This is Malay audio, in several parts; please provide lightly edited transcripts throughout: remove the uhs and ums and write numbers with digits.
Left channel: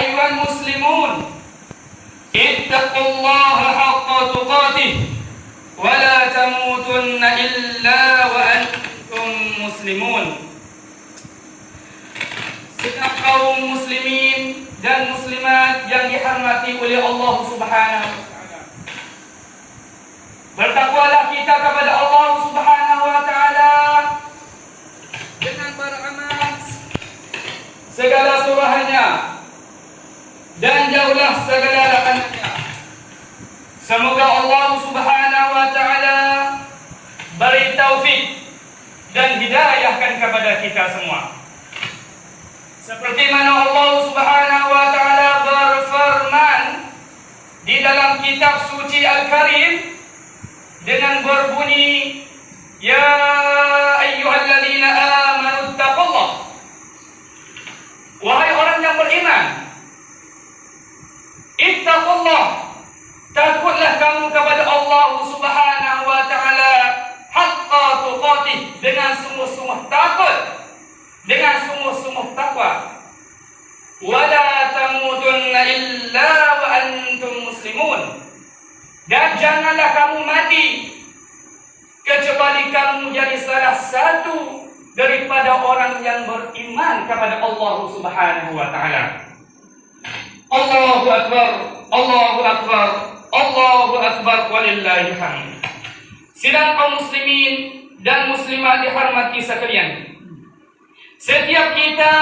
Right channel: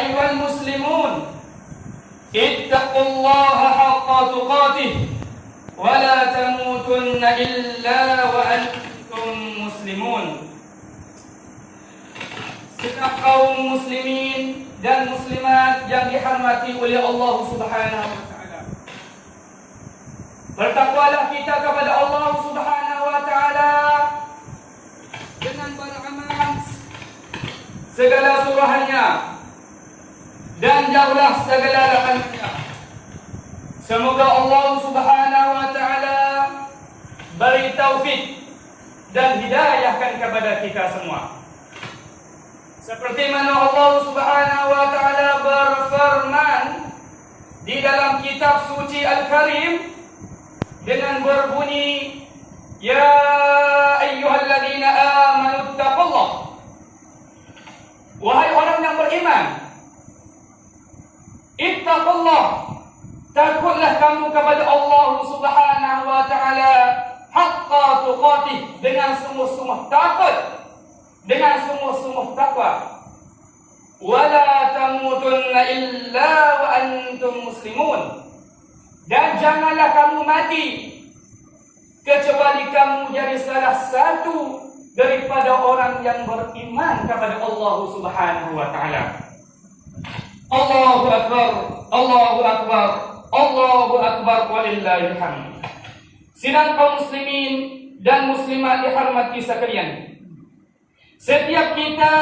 أيها المسلمون اتقوا الله حق تقاته ولا تموتن إلا وأنتم مسلمون. Sikap kaum muslimin dan muslimat yang dihormati oleh Allah Subhanahu wa taala. Bertakwalah kita kepada Allah Subhanahu wa taala dengan beramal segala suruhannya dan jauhlah segala larangannya. Semoga Allah Subhanahu wa taala beri taufik dan hidayahkan kepada kita semua. Seperti mana Allah Subhanahu wa taala berfirman di dalam kitab suci Al-Karim dengan berbunyi, ya ayyuhalladzina amanu taqullah. Wahai orang yang beriman, ittaqullah, takutlah kamu kepada Allah Subhanahu wa taala haqqa tuqatih, dengan sungguh-sungguh takut, dengan sungguh-sungguh takwa. Wala tamutunna illa wa antum muslimun, dan janganlah kamu mati kecuali kamu jadi salah satu daripada orang yang beriman kepada Allah Subhanahu wa taala. Allahu akbar, Allahu akbar, Allahu akbar, walillahil hamd. Sidang kaum muslimin dan muslimat dihormati sekalian, setiap kita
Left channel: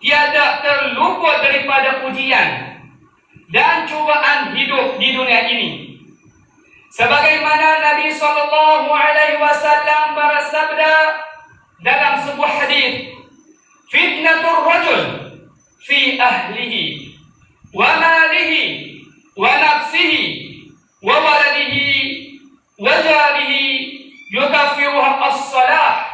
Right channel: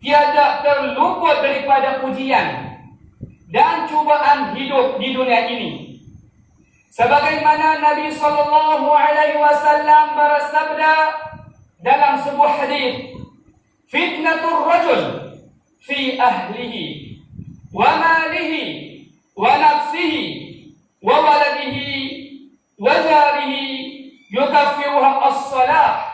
tiada terluput daripada ujian dan cubaan hidup di dunia ini. Sebagaimana Nabi sallallahu alaihi wasallam bersabda dalam sebuah hadis, fitnatur rajul fi ahlihi wa malihi wa nafsihi wa waladihi wa jarihi yukaffiruha as-salah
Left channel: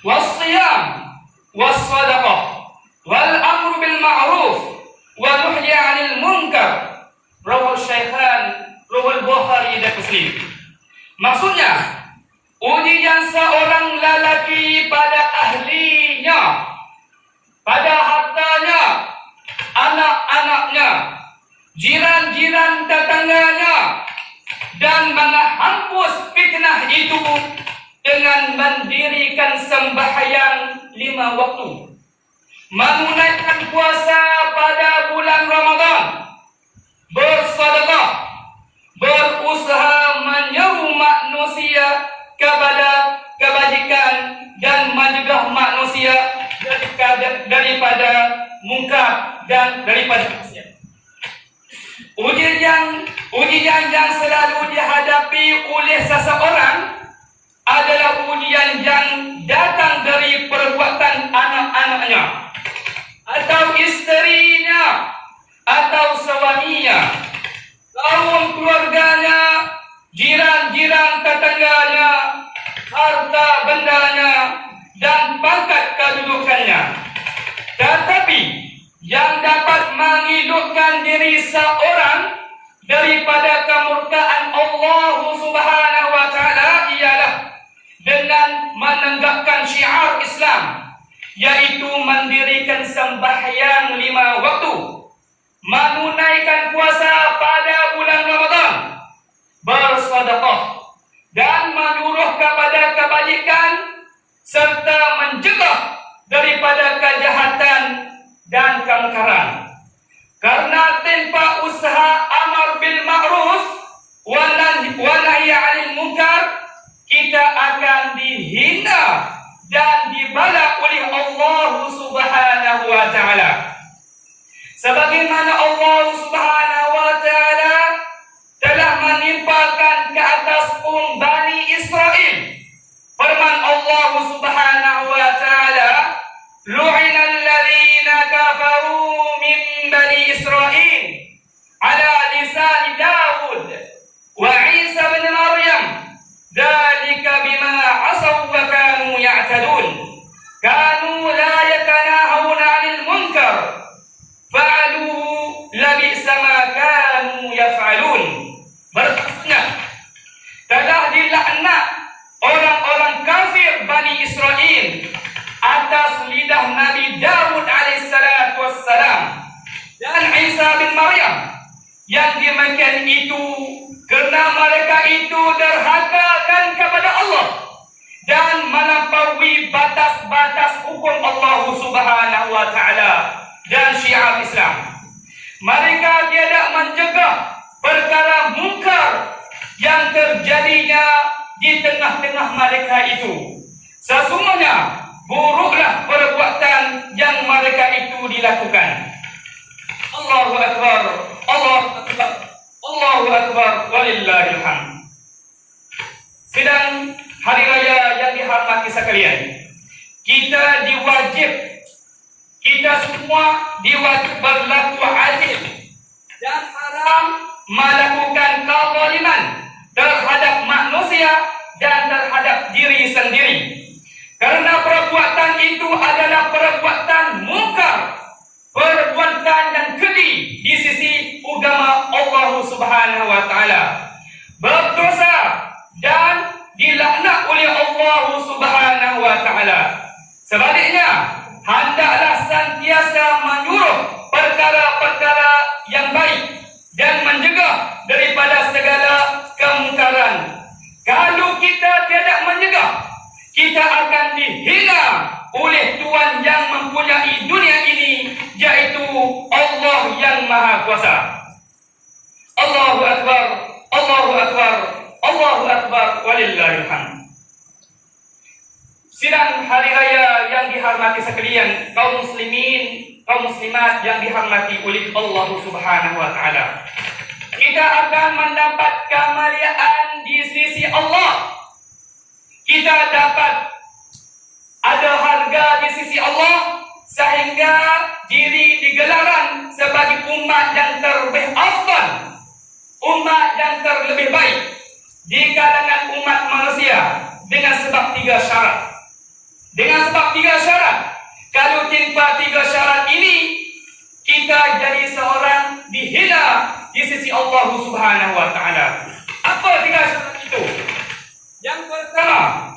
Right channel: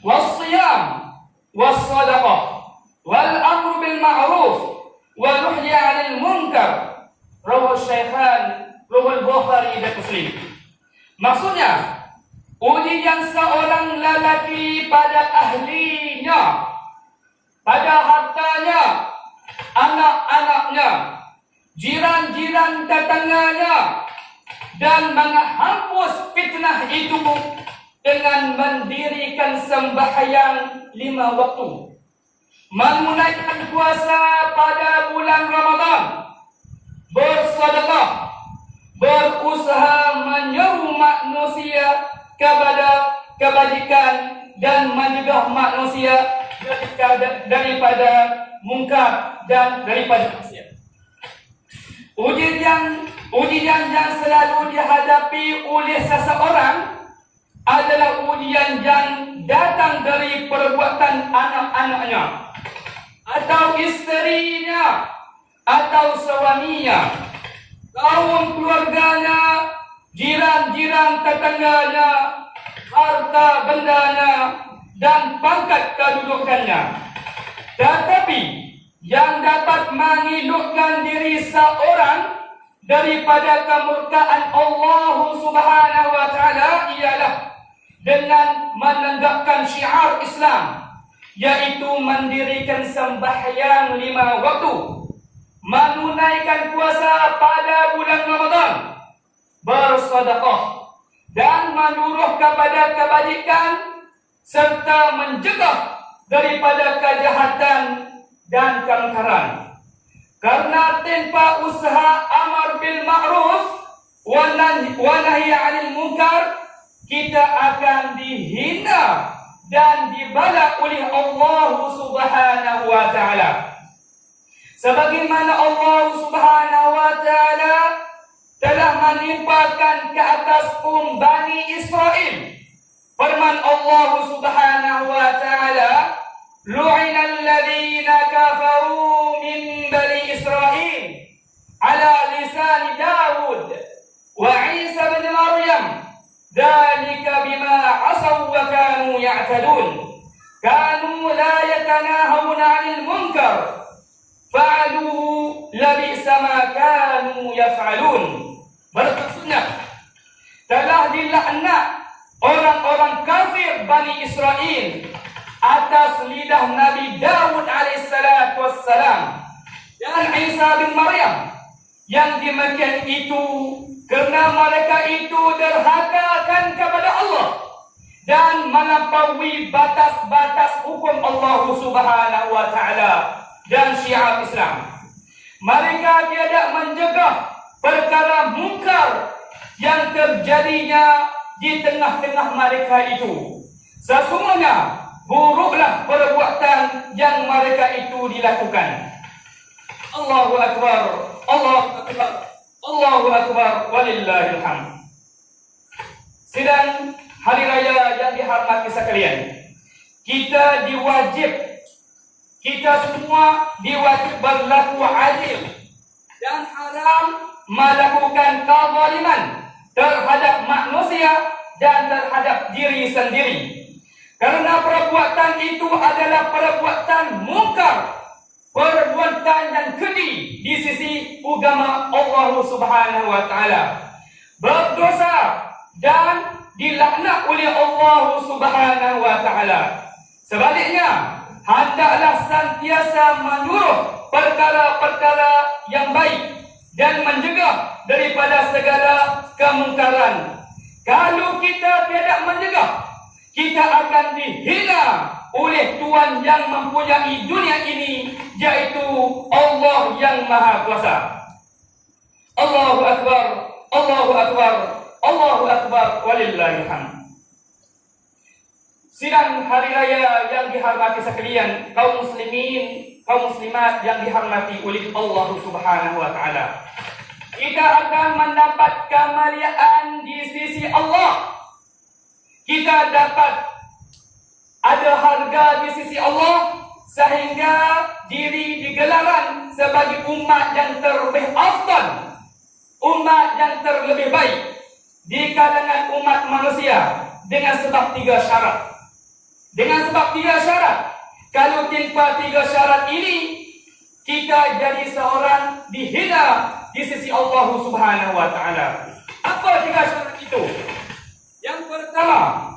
was-siyam was-sadaqah wal amru bil ma'ruf wa nuhyi 'anil munkar. Rawahu Syaikhan, rawahu Bukhari dan Muslim. Maksudnya, ujian seorang lelaki pada ahlinya, pada hartanya, anak-anaknya, jiran-jiran tetangganya, dan menghapus fitnah itu dengan mendirikan sembahyang 5 waktu, menunaikan puasa pada bulan Ramadan, bersedekah, berusaha menyeru manusia kepada kebajikan dan mencegah manusia daripada mungkar dan daripada maksiat. Ujian yang selalu dihadapi oleh seseorang adalah ujian yang datang dari perbuatan anak-anaknya, atau isterinya, atau suaminya, kaum keluarganya, jiran-jiran tetangganya, harta bendanya, dan pangkat kedudukannya. Tetapi yang dapat menghidupkan diri seorang daripada kemurkaan Allah Subhanahu wa taala ialah dengan menegakkan syiar Islam, yaitu mendirikan sembahyang 5 waktu, menunaikan puasa pada bulan Ramadan, bersedekah, dan menyuruh kepada kebajikan, serta mencegah daripada kejahatan dan kemungkaran. Karena tanpa usaha amar bil ma'ruf wa nahi 'anil munkar, kita akan dihina dan dibala oleh Allah Subhanahu wa taala. Sebagaimana Allah Subhanahu wa taala telah menimpakan ke atas Bani Israel firman Allah Subhanahu wa taala, lu'ina alladhina kafaru min bani Israel ala lisan Daud wa Isa bin Maryam, dzalika bima asaw wa kanu ya'tadun, kanu la yatanahawna 'anil munkar fa'aluhu labisa ma kanu yaf'alun. Maksudnya, telah dilaknat orang-orang kafir Bani Israel atas lidah Nabi Daud alaihissalatu wassalam, dan Isa bin Maryam. Yang demikian itu kerana mereka itu derhakakan kepada Allah dan melampaui batas-batas hukum Allah Subhanahu wa taala dan syiar Islam. Mereka tidak mencegah perkara mungkar yang terjadinya di tengah-tengah mereka itu. Sesungguhnya buruklah perbuatan yang mereka itu dilakukan. Allahu Akbar, Allahu Akbar, Allahu Akbar, walillahil hamd. Sidang hari raya yang dihormati sekalian, kita semua diwajib berlaku adil dan haram melakukan kezaliman terhadap manusia dan terhadap diri sendiri. Karena perbuatan itu adalah perbuatan mungkar, perbuatan dan keji di sisi agama Allah Subhanahu wa taala. Berdosa dan dilaknat oleh Allah Subhanahu wa taala. Sebaliknya, hendaklah sentiasa menyuruh perkara-perkara yang baik dan mencegah daripada segala kemungkaran. Kalau kita tidak mencegah, kita akan dihina oleh Tuhan yang mempunyai dunia ini, yaitu Allah yang Maha Kuasa. Allahu Akbar, Allahu Akbar, Allahu Akbar, walillahil hamd. Sidang hari raya yang dihormati sekalian, kaum muslimin, kaum muslimat yang dihormati oleh Allah Subhanahu wa taala. Kita akan mendapat kemuliaan di sisi Allah. Kita dapat ada harga di sisi Allah sehingga diri digelaran sebagai umat yang terlebih afdal, umat yang terlebih baik di kalangan umat manusia dengan sebab 3 syarat. Dengan sebab 3 syarat. Kalau tanpa 3 syarat ini, kita jadi seorang dihina di sisi Allah Subhanahu wa taala. Apa 3 syarat itu? Yang pertama,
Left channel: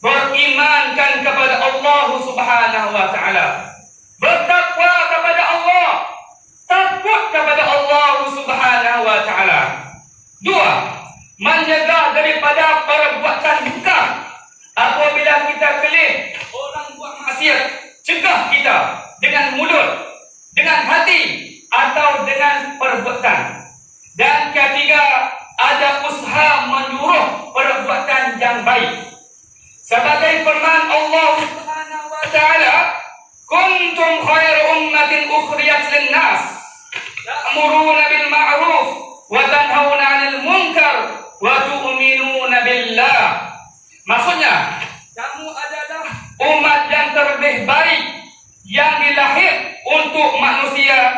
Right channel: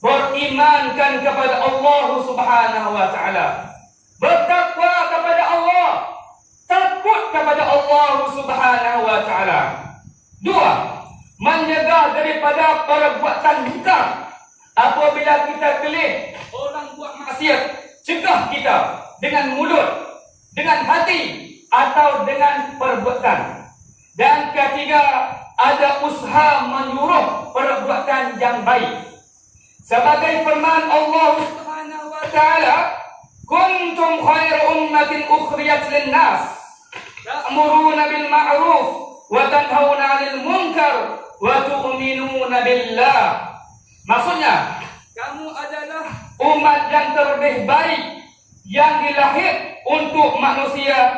berimankan kepada Allah Subhanahu wa taala. Bertakwa kepada Allah, takut kepada Allah Subhanahu wa taala. 2, mencegah daripada perbuatan mungkar. Apabila kita kelih orang buat maksiat, cegah kita dengan mulut, dengan hati atau dengan perbuatan. Dan ketiga, ada usaha menyuruh perbuatan yang baik. Sebagai firman Allah Subhanahu wa taala, "Kuntum khairu ummatin ukhriyat lin-nas, ta'muruna bil ma'ruf wa tanhauna 'anil munkar wa tu'minuna billah." Maksudnya, kamu adalah umat yang terlebih baik yang dilahir untuk manusia.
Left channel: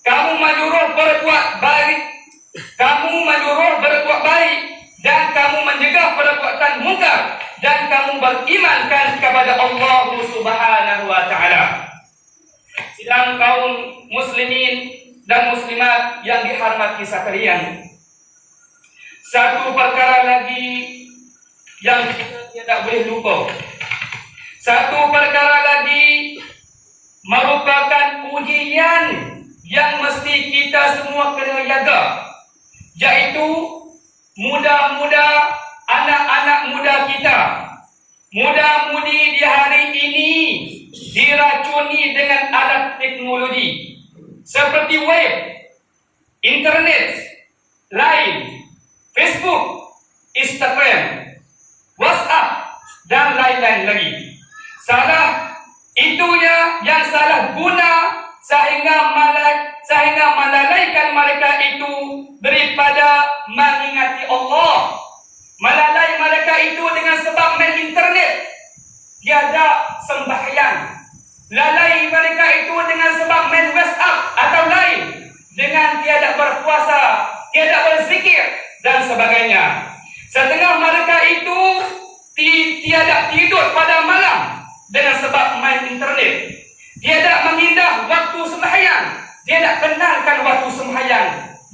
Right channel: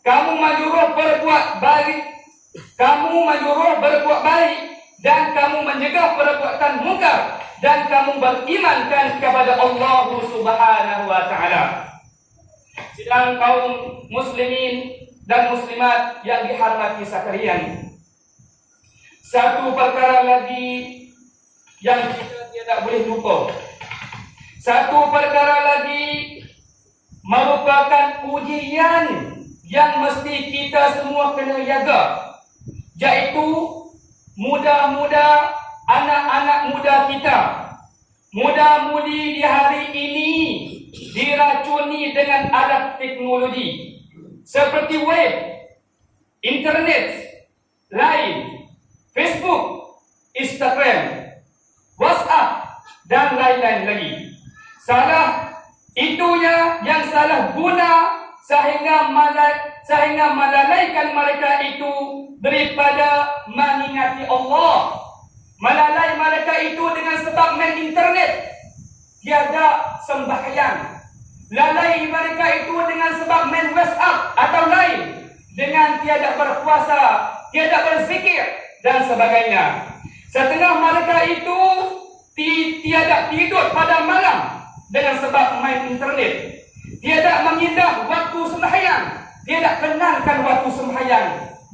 Kamu menyuruh berbuat baik, dan kamu mencegah perbuatan mungkar, dan kamu berimankan kepada Allah Subhanahu wa taala. Sidang kaum muslimin dan muslimat yang dihormati sekalian, satu perkara lagi yang kita tidak boleh lupa. Satu perkara lagi merupakan ujian yang mesti kita semua kena jaga, yaitu muda-muda, anak-anak muda kita, muda-mudi di hari ini diracuni dengan alat teknologi seperti web, internet, Line, Facebook, Instagram, WhatsApp dan lain-lain lagi. Salah itunya yang salah guna sehingga melalaikan mereka itu daripada mengingati Allah. Melalai mereka itu dengan sebab main internet, tiada sembahyang. Lalai mereka itu dengan sebab main WhatsApp atau lain, dengan tiada berpuasa, tiada berzikir dan sebagainya. Setengah mereka itu tiada tidur pada malam dengan sebab main internet, tiada mengindah waktu sembahyang, tiada kenalkan waktu sembahyang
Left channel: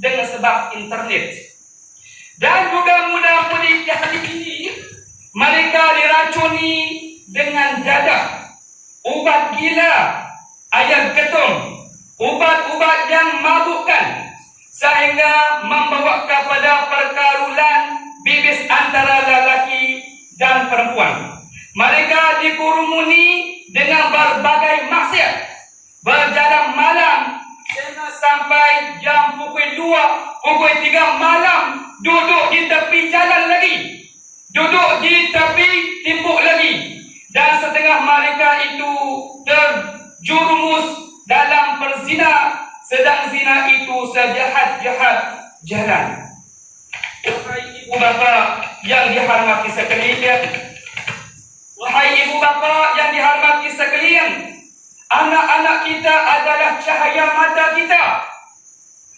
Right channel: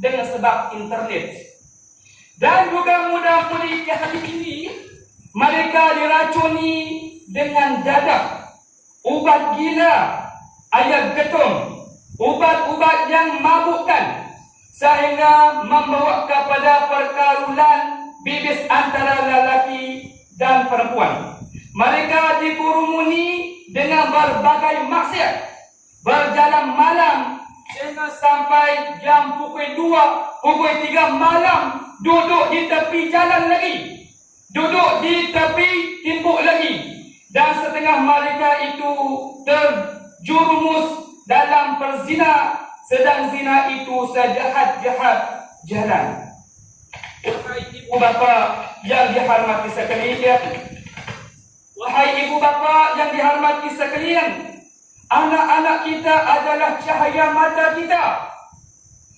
dengan sebab internet. Dan juga muda-mudi hari ini mereka diracuni dengan dadah, ubat gila, ayam ketum, ubat-ubat yang mabukkan sehingga membawa kepada perkarulan bibis antara lelaki dan perempuan. Mereka dikurumuni dengan berbagai maksiat, berjalan malam sehingga sampai jam pukul 2, pukul 3 malam duduk di tepi jalan lagi, duduk di tepi timbuk lagi, dan setengah mereka itu terjerumus dalam perzina, sedang zina itu sejahat-jahat jalan. Wahai ibu bapa yang dihormati sekalian, wahai ibu bapa yang dihormati sekalian, anak-anak kita adalah cahaya mata kita.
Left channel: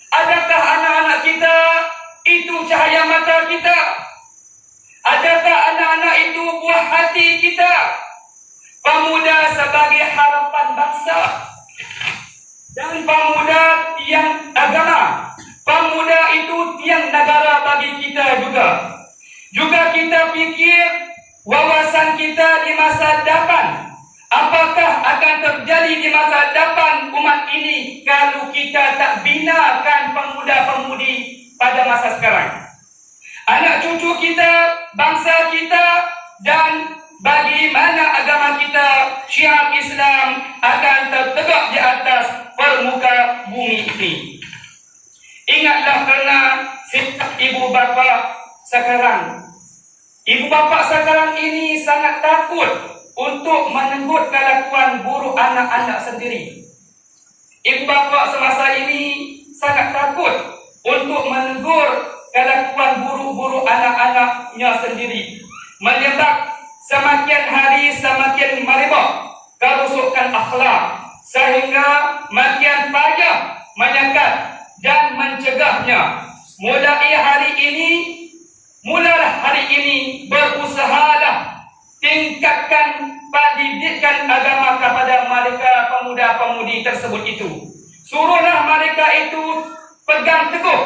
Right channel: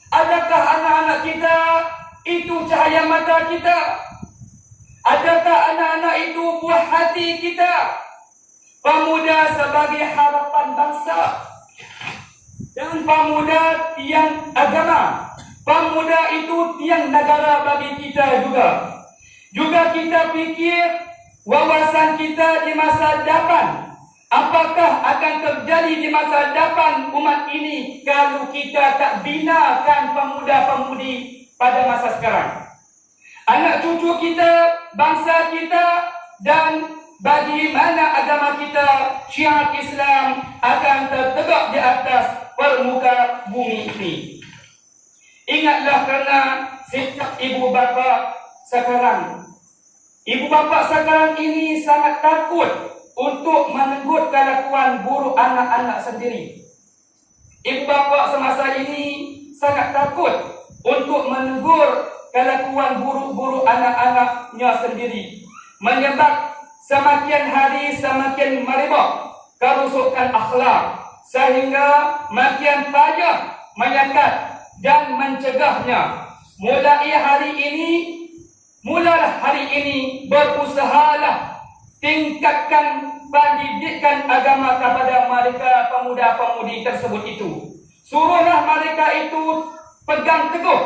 Adakah anak-anak kita itu cahaya mata kita? Adakah anak-anak itu buah hati kita? Pemuda sebagai harapan bangsa, dan pemuda tiang agama. Pemuda itu tiang negara bagi kita juga. Juga kita fikir wawasan kita di masa depan. Apakah akan terjadi di masa depan umat ini kalau kita tak binakan pemuda-pemudi pada masa sekarang? Anak cucu kita, bangsa kita, dan bagaimana agama kita, syiar Islam akan tertegak di atas permuka bumi ini. Ingatlah kerana sikap ibu bapa sekarang. Ibu bapa sekarang ini sangat takut untuk menegur kelakuan buruk anak-anak sendiri. Ibu bapa semasa ini sangat takut untuk menegur kelakuan buruk-buruk anak-anaknya sendiri. Menyebab semakin hari semakin merebak kerusakan akhlak, sehingga makin payah menyekat dan mencegahnya. Mulalah hari ini berusahalah tingkatkan pendidikan agama kepada mereka pemuda-pemudi tersebut itu. Suruhlah mereka itu pegang teguh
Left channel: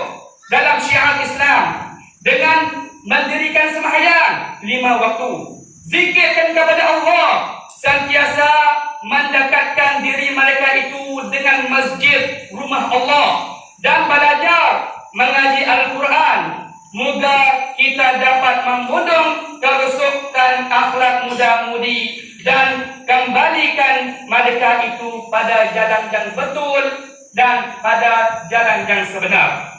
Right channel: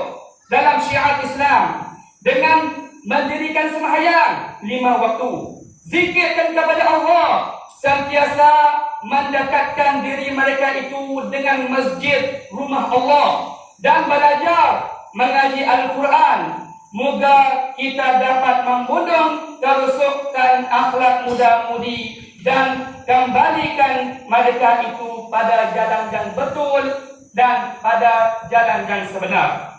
dalam syiar Islam dengan mendirikan sembahyang 5 waktu, zikirkan kepada Allah, sentiasa mendekatkan diri mereka itu dengan masjid rumah Allah, dan belajar mengaji Al-Quran. Moga kita dapat membendung kerusakan akhlak muda-mudi dan kembalikan mereka itu pada jalan yang betul dan pada jalan yang sebenar.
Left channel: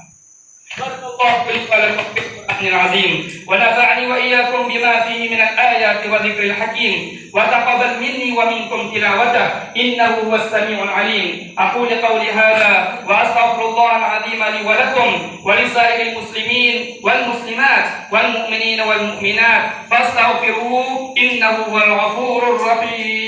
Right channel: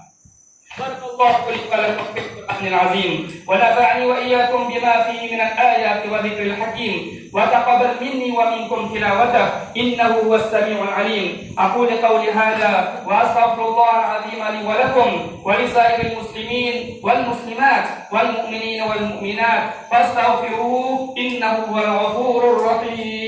Barakallahu fiikum wa lakum fil Qur'anil azim, wa nafa'ani wa iyyakum bima fihi min al-ayati wa dhikril hakim, wa taqabbal minni wa minkum tilawatahu innahu huwas samiul alim. Aqulu qawli hadha wa astaghfirullahal azim li wa lakum wa li sa'iril muslimin wal muslimat wal mu'minina wal mu'minat fastaghfiruhu innahu huwal ghafurur rahim.